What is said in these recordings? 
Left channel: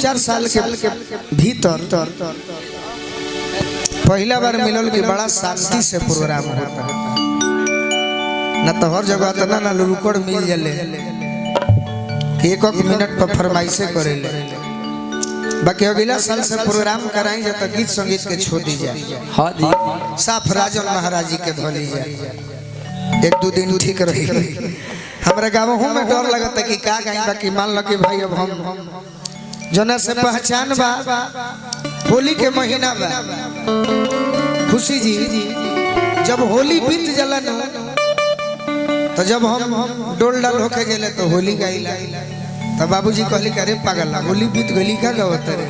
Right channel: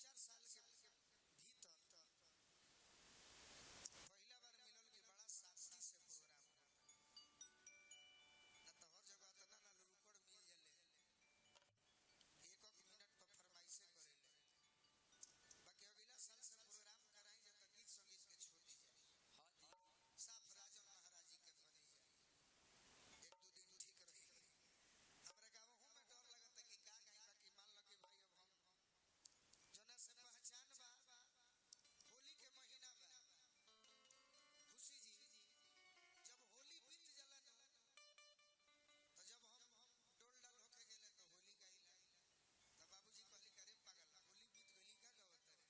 2-4 साल के भीतर पहला बार मिलल कि बड़ा शांति से प्रोग्राम होता है ना तो हर जगह तो ना रुकड़ मिल जले एक मिनट पर फरमाइशे करे बाकी अगला साल से प्रोग्राम कराई जाए तो गीत संगीत के छोड़ दी जाए साफ राजन महाराज जी के धोली जाए 1-2 दिन ठीक रही हमारे गाँव में डर लगता कि का कहीं बाकी मान लो कि भाई अब हम जना से पहचान बा होली के महीना बा खुशी जी जब होली बीत जला तो जब हम डोल डाल होके गेले तो होली गाइला तो बाबूजी कहली करे पागल होली बीत गली का गावत रे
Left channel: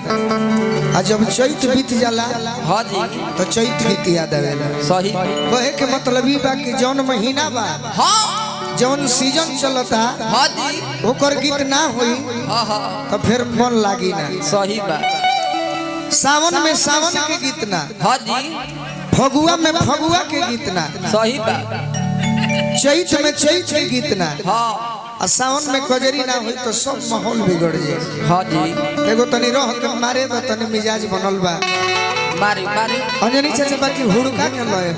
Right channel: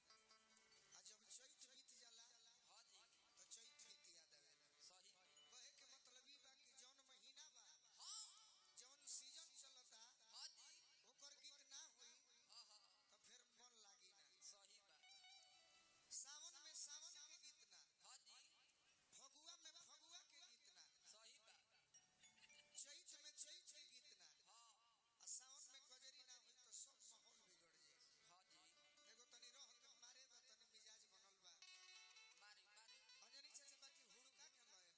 आ जब चैत बीत जाला हां जी तो चैत गीत याद आवेला सही कहे के मतलब ई बा कि जौन महीना बा हां जौन सीजन चलता हां जी ओकर गीत ना होई हां हां तो फिर मन लागी ना सही बा सावन में सावन के गीत ना हां जी फगुआ में फगुआ के गीत ना सही बा चैत में चैत के गीत ना हां आ सावन में कजरी ना होई तो सब माहौल बिगड़ जाए हां जी एगो तनी रह के मारे तो तनी मिजाज बनल बा मारी मारी अंजनी चाचा बाकी हुड़का के लए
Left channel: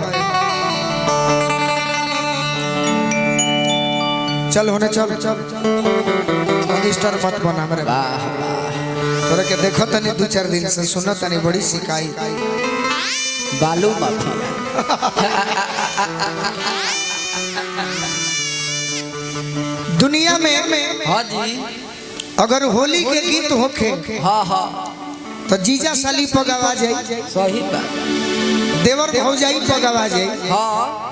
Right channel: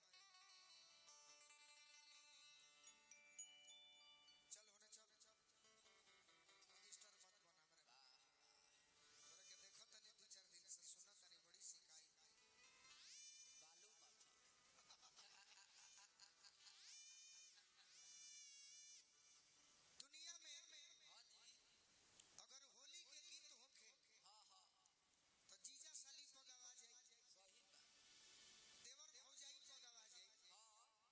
चल होने चल मिस्टर मत बना मेरे वाह तोरे के देखो तनी 2-4 दिन से सुनो तनी बड़ी शिकायत बालू माफिया दुनिया में हाँ जी अगर होली के गीत होखे हाँ हाँ तो जीजा साली पगावा जाए सही बात देवर भौजाई पगावा जाए हाँ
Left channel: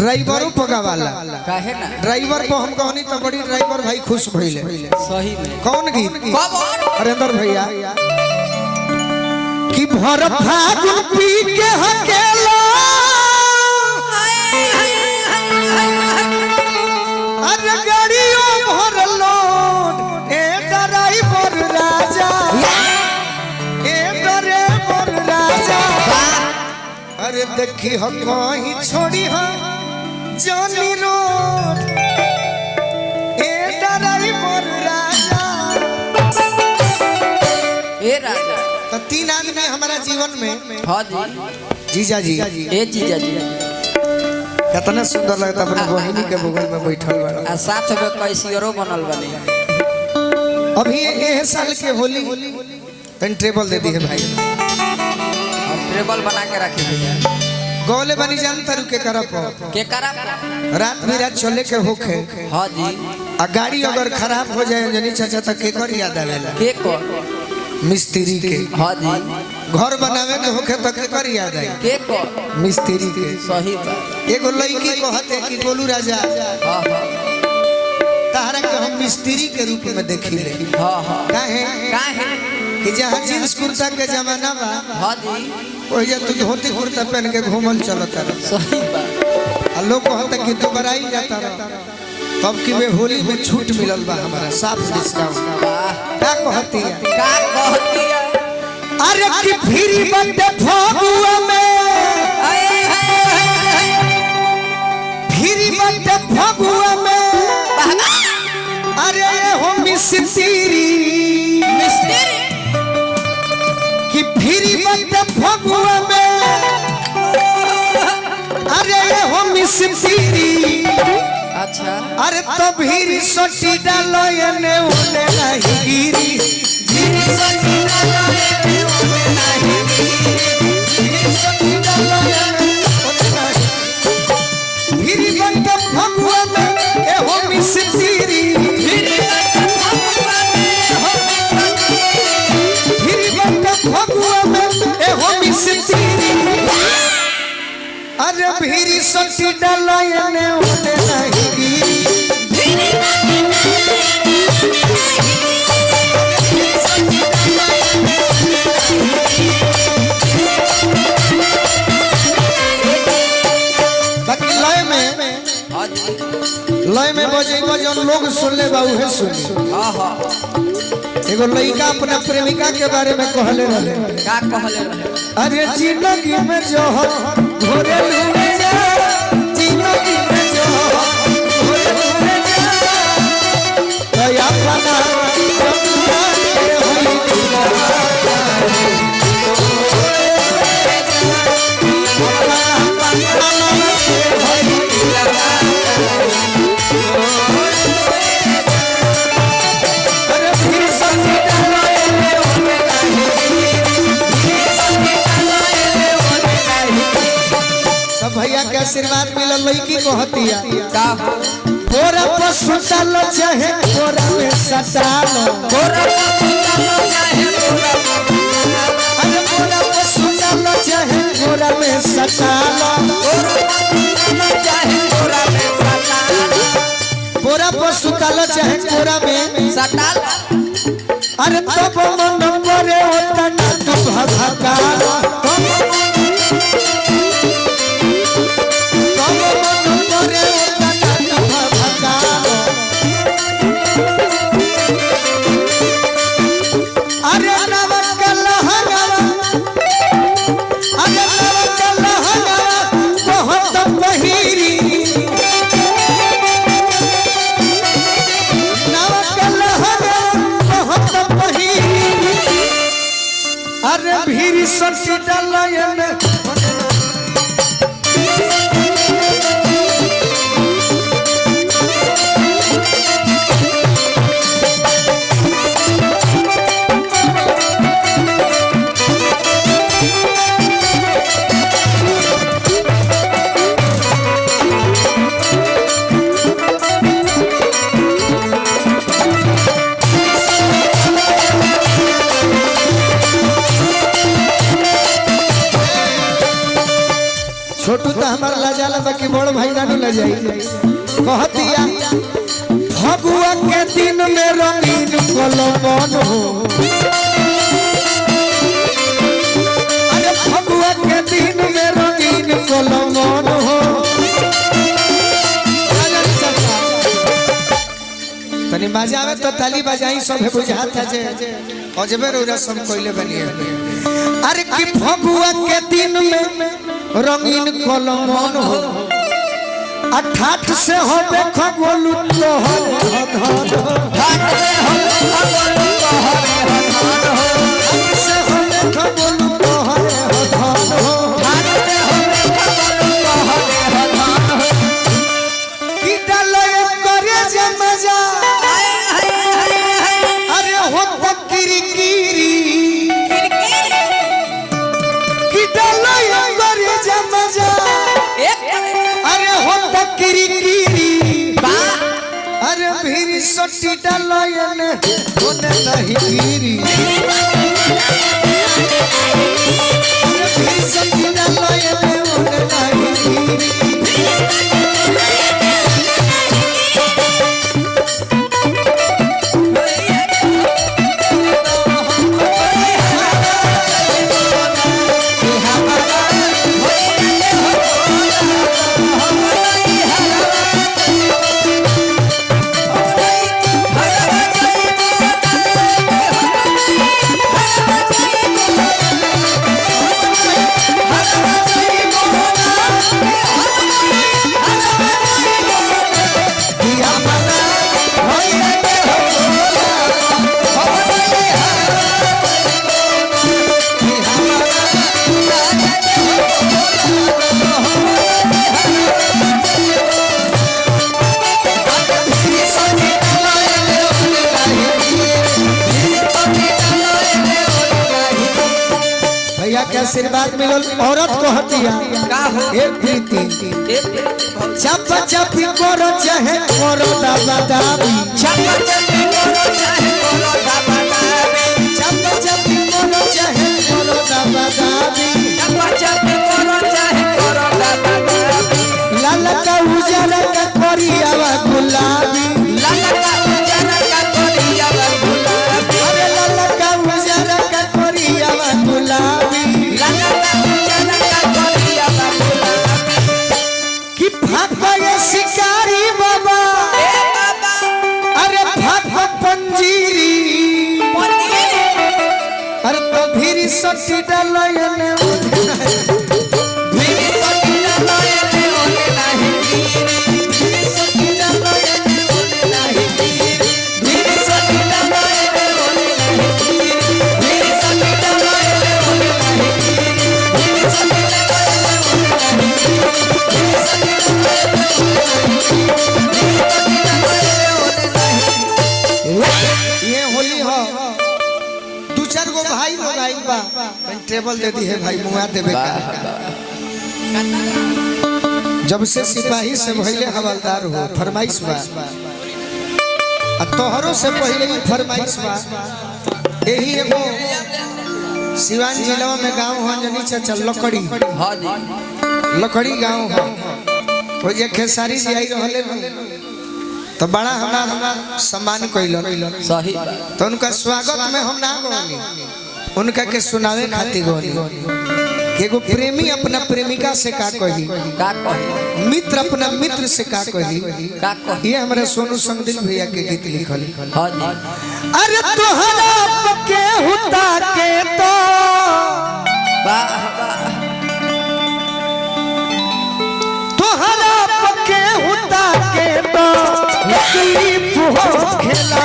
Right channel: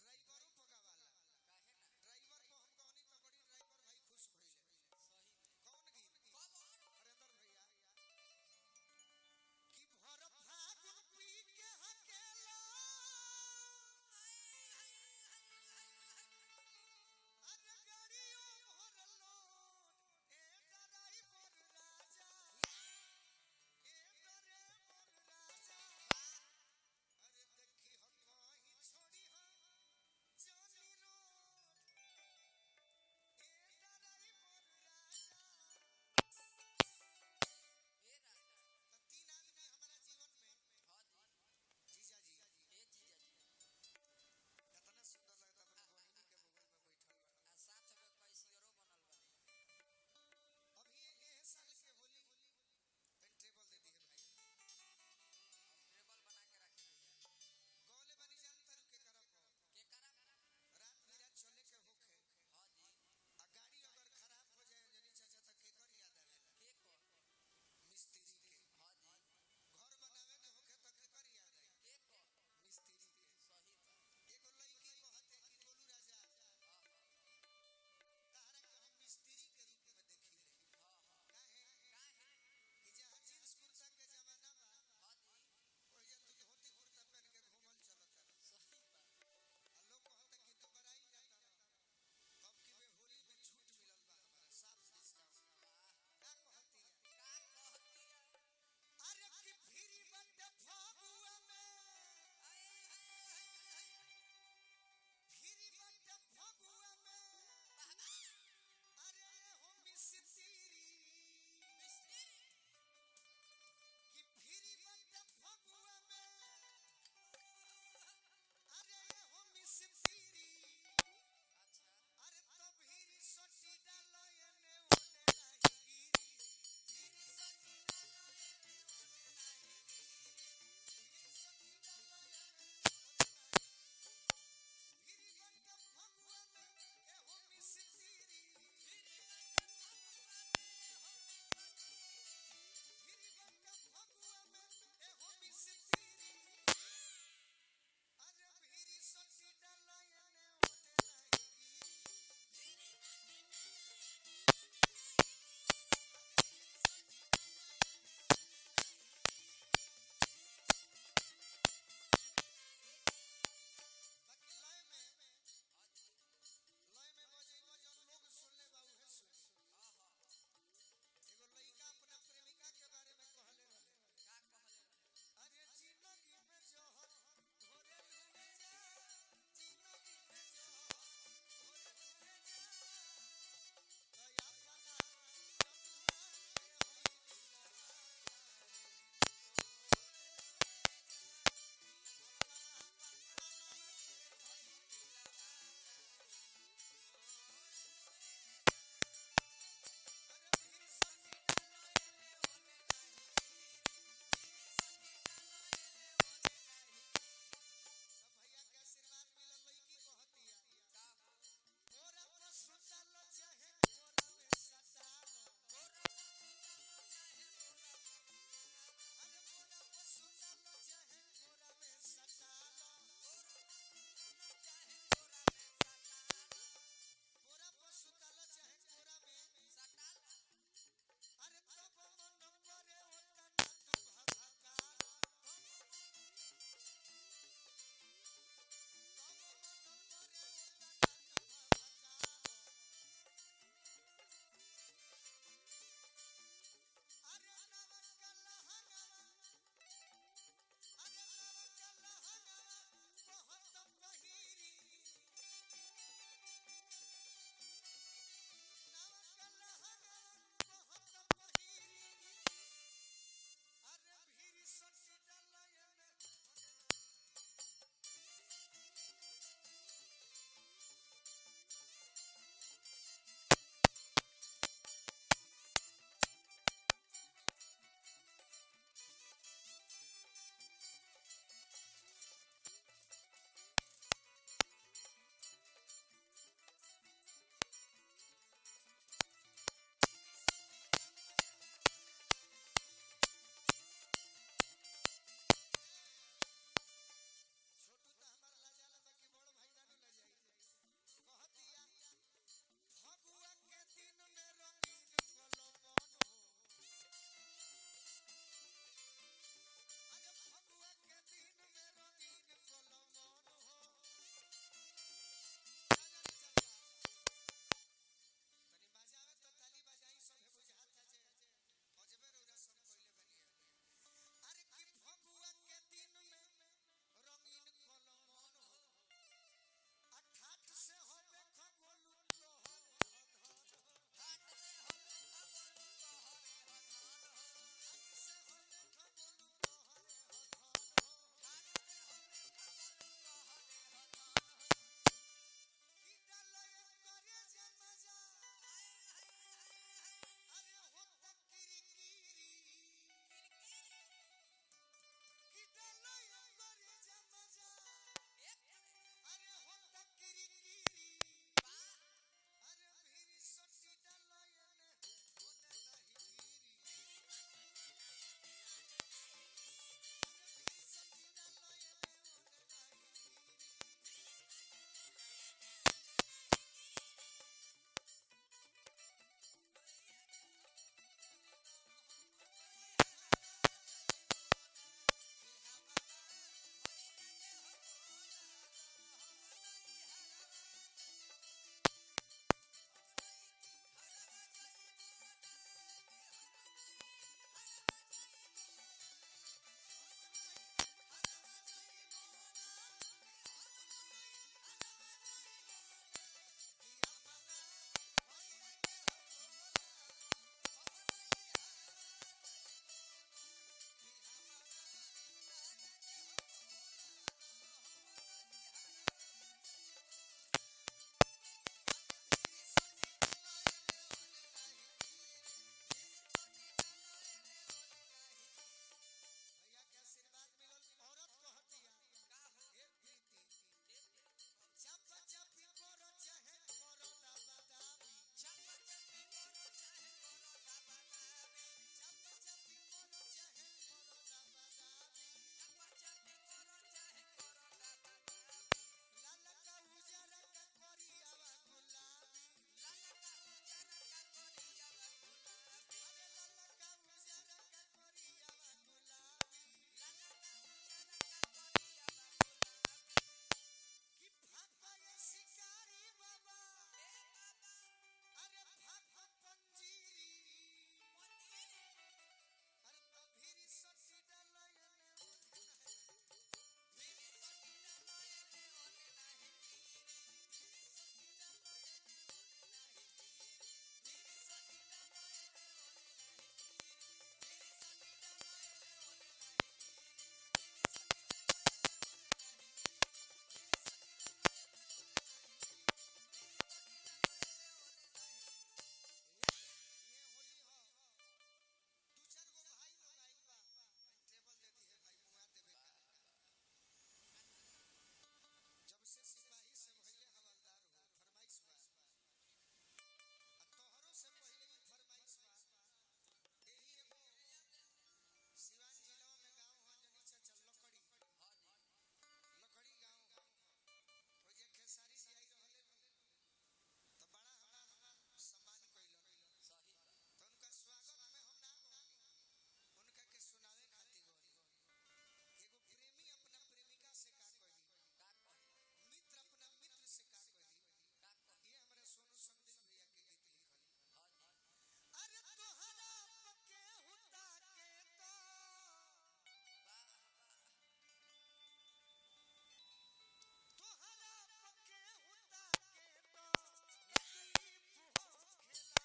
ड्राइवरों पगावाला काहे ना ड्राइवर को हम कहनी तो बड़ी ड्राइवर भाई खुश भइले सही में कौन गीत हरेंद्र भैया कि भर फागुन पी के हकेला अरे गाड़ियों भर load A driver Raja A driver राजा अरे देखी हम कहीं छोड़ी हम जानी रोड ए ड्राइवर राजा ए राजा तो 3 आदमी हमारा जीवन में हाँ जी जीजा जी ए जीजा जी कितना सुंदर लगता अपने बहिनी के बगल में बैठल बा आ साथ में कैसियरो बनल बनी अभी ये साल के होली तन टेबल दे दी है भाई हम टेबल बना के रखे भैया गोले बनी जानता रु के करप रात बिरात चले के होखे हां जी आ गाड़ी अगर खराब हो जाए जनी चाचा तक के कर याद आवेला के को मिस्त्री के हां जी घर बनावे के होखे तक के कर याद आई के को मिस्त्री के सही बात एगो लड़की कहते कि गोलू राजा हां हां तारा के हम मिस्त्री के रूप में देखिले हां हां काहे काहे कि जहां जींस कुर्ता के जमाना बा हां जी ओइ जे तू धोती कुर्ता पहन के घूमल चलत रह सही बात आ लोग कहता कि तू बराई जाता रह तब कि वे होली में छूट मिलल बा हमारा साफ डिस्काउंट का कहती है अरे कि फिरी बंदे फगुआ में फिरी बंदे फगुआ में अरे हो मिस्त्री कि फिरी बंदे फगुआ में अरे हो मिस्त्री अच्छा अरे तो भीरी सोटी डालो ने ओने नहीं गिरी भीरी सोटी डालो ने ओने नहीं भीरी सोटी डालो ने ओने नहीं भीरी बंद भगवा में ए हो मिस्त्री भीरी बंद भगवा में ए हो मिस्त्री अरे भीरी सोटी डालो ने ओने नहीं लय में बजेगा जौन लोग सुन ले बाबू है सुनी हां हां एगो लड़का अपना प्रेमिका के बारे में कहले रहे का कहले रहे अरे जिंदगी में जो घोरे लूए जा जिंदगी में जो घोरे लूए जा दया बना के होई आशीर्वाद मिलल लड़की कहतिया का कोरा पर सुतल चाहे कोरा में सटाल कोरा चाहे अरे कोरा पर सुतल चाहे कोरा में सटाल चाहे कोरा में सटाल कोरा पर सुतल चाहे कोरा में सटाल अरे तब मन करे होता ना तू भभकाल अरे भीड़ सटी डालयन छोटू तो हमार लजाला बाकी बड़ भाई नानू लजाई कहतिया फगुआ के दिन में रंगीन कलमन हो अरे फगुआ के दिन में रंगीन कलमन हो तनी मजा आवे तो ताली बजाई सब बुझाता जे अजबे रोरा सब कोइले बनिए अरे कि फगुआ के दिन में रंगीन कलमन हो अठाठ से हो देखो बोलू तोहर धन ठाठ से हो देखो बोलू तोहर धन ठाठ से हो देखो बोलू तोहर धन की डाले करे जे मजा अरे हो तकरी कीरी की डाले करे जे मजा अरे हो तकरी कीरी अरे भीड़ सटी डालयन होने नहीं कीरी अरे भीड़ सटी डालयन होने नहीं कीरी के आशीर्वाद मिलल औरत कहतिया का हो एक प्रीति चप चपी करो चाहे करो दाबा दाबी चप चपी करो चाहे करो दाबा दाबी चप चपी करो चाहे करो दाबा दाबी चप चपी करो चाहे करो दाबा दाबी लाल का उजरा का करियावा गुलाबी लाल का उजरा का करियावा गुलाबी अरे लाल का उजरा का करियावा गुलाबी कि भागो ये शिकारी बाबा अरे भागो पंजीरी अरे तो भीरी सटी डालयन भीरी सटी डालयन होने नहीं भीरी सटी डालयन होने नहीं भीरी सटी डालयन होने नहीं भीरी सटी डालयन होने नहीं भीरी सटी ये होली हो दू चार गो भाई लोग आइल बा टेबल दे दी है भाई मुआ देबे का जब से सिपाही से पहले हवलदार हो फरमाइश बा तोहरों से पहले ही फरमाइश बा। यही एगो सिवान जिला में गांव हो जनी चाचा लकड़ी हाँ जी लकड़ी गांव हो वो जे खेसारी जी आई रहले तो बड़ा हमारा सम्मान कइलन सही तो उनका स्वागत में हम ना गोनी उनका के सुनावे खातिर गोनी कि एगो प्रेमी अपना प्रेमिका से का कही का कही मित्र अपना मित्र से का कही का कही ये हमारे सोनू संगदिल भैया के गीत लिखल। हाँ जी अरे तोहरा के हुता के तो वाह वाह तोहरा के हुता के तो तकलीफ हो खेला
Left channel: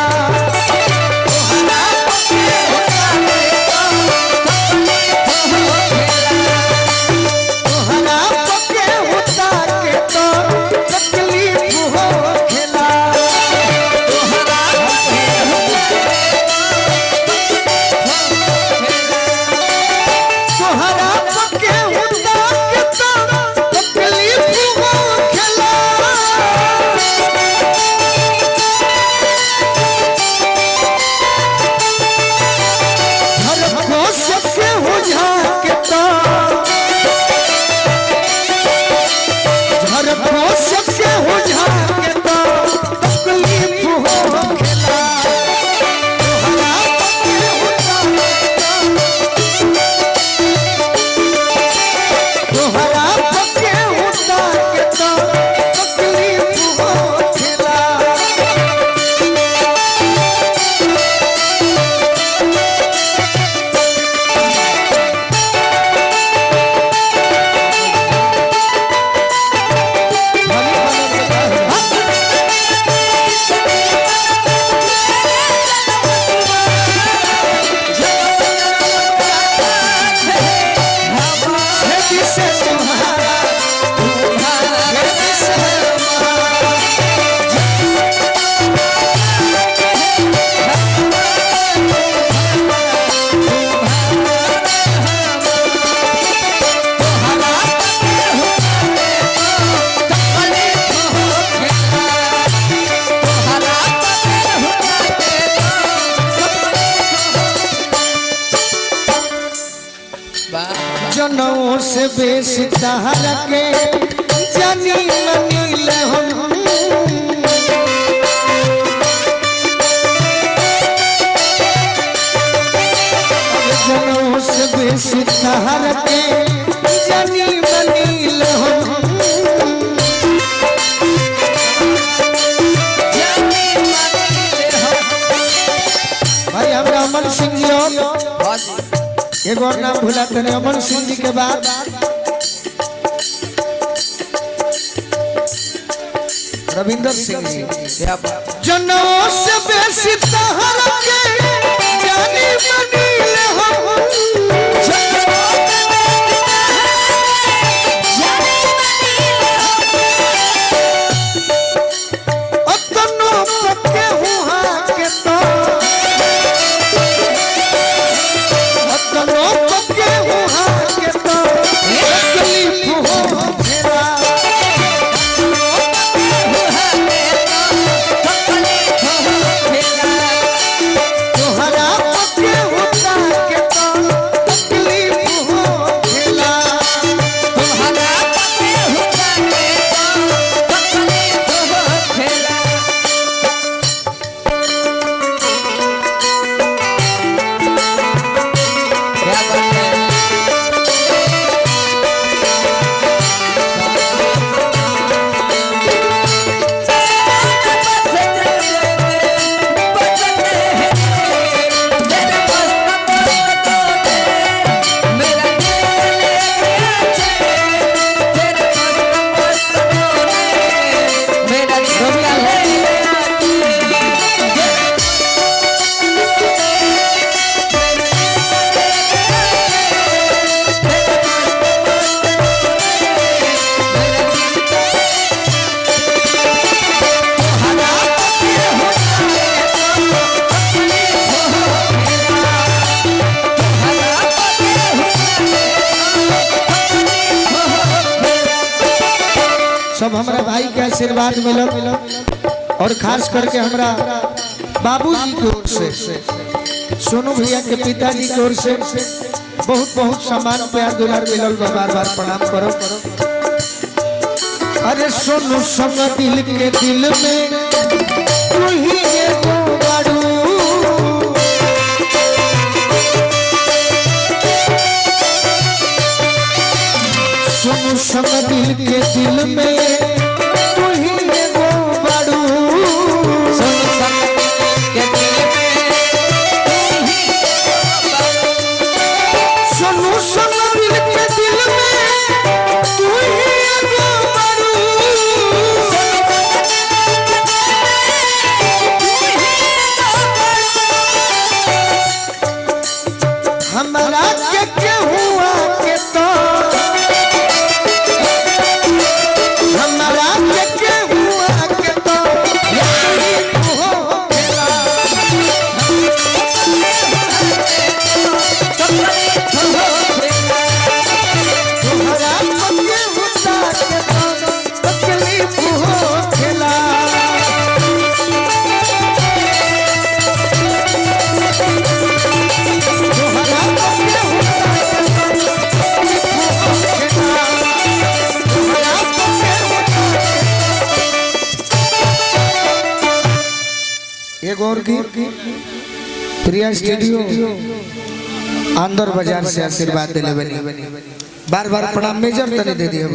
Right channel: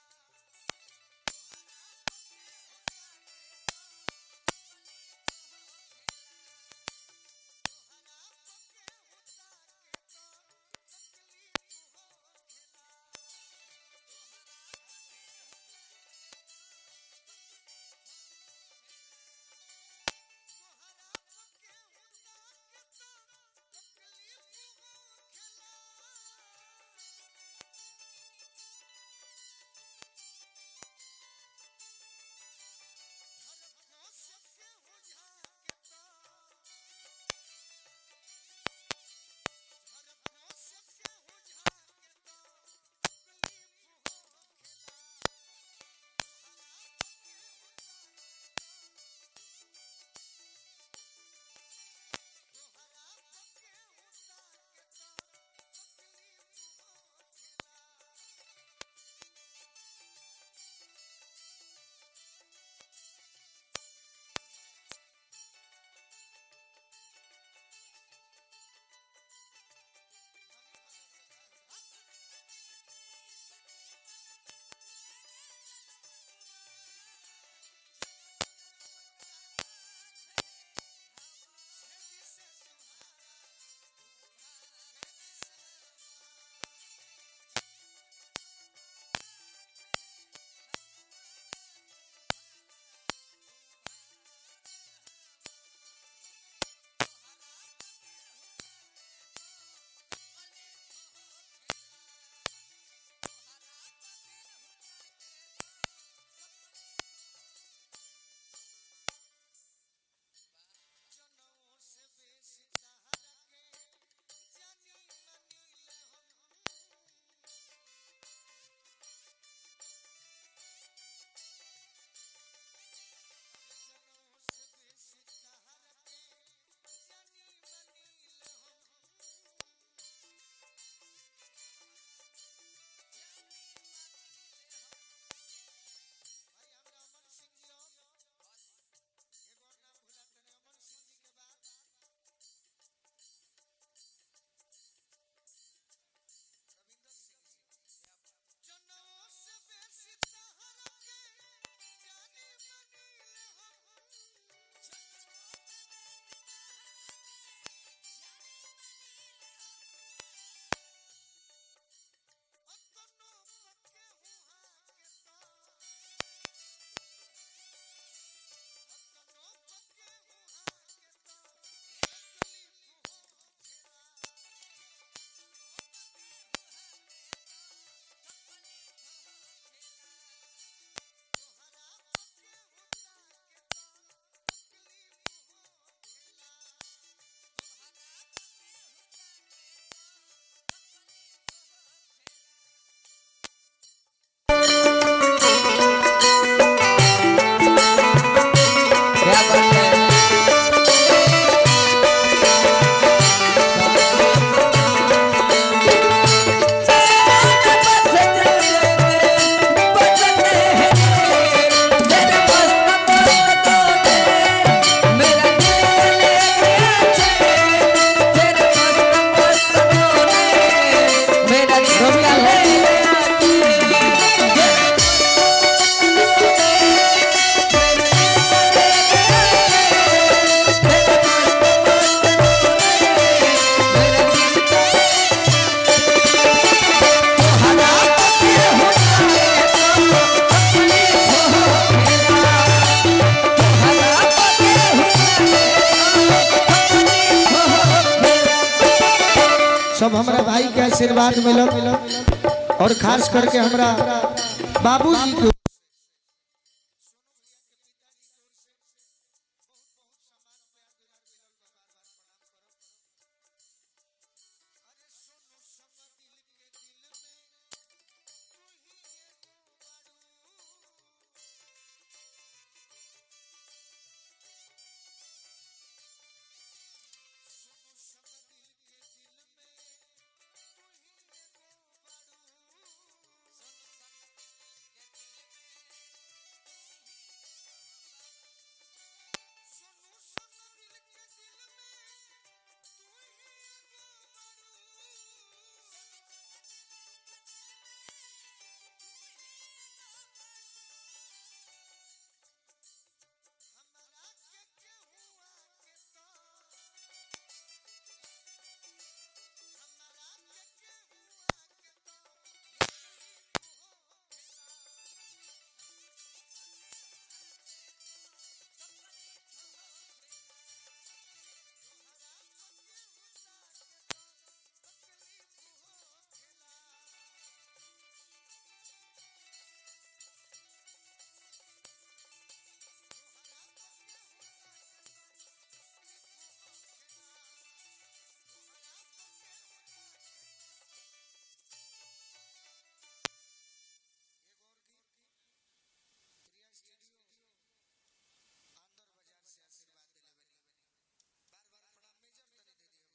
जनों से बेसी तहरा के जानी मनील हम जनों से बेसी तहरा के जानी मनील हम भाई हमरा अमन सिंह जी हाँ जी एक और नाम भूला तने अमन सिंह जी के बाद रविंदर सिंह जी क्या बात जनों से बेसी तहरा के जानी मनील हम अतनो पक्के हुआ के तो अतनो पक्के हुआ के तो तकलीफ हो फेरा तोहरा पक्के हुआ आशीर्वाद मिलल और खास करके हमरा बाबूजी की ओर से सोनू भैया के पिताजी की ओर से बहुत बहुत सम्मान प्यार दुलार मिलल बा। बार बार प्रणाम करो। अरे सोनू संग दिल के दिल में तू ही एगो बारू। सोनू संग दिल के दिल में तू ही एगो बारू। सोनू संग के दिल में तू ही सोनू संग दिल के दिल में तू ही एगो बारू। हमरा के हुआ के तो हमरा के हुआ के तो यारी हो खेला। हमरा के हुआ के तो तकलीफ हो खेला। एक और गीत प्रिया स्टूडियो आंदर बाजार से आशीर्वाद दिले बनी। बार बार प्रणाम मेजर तने दे दिए।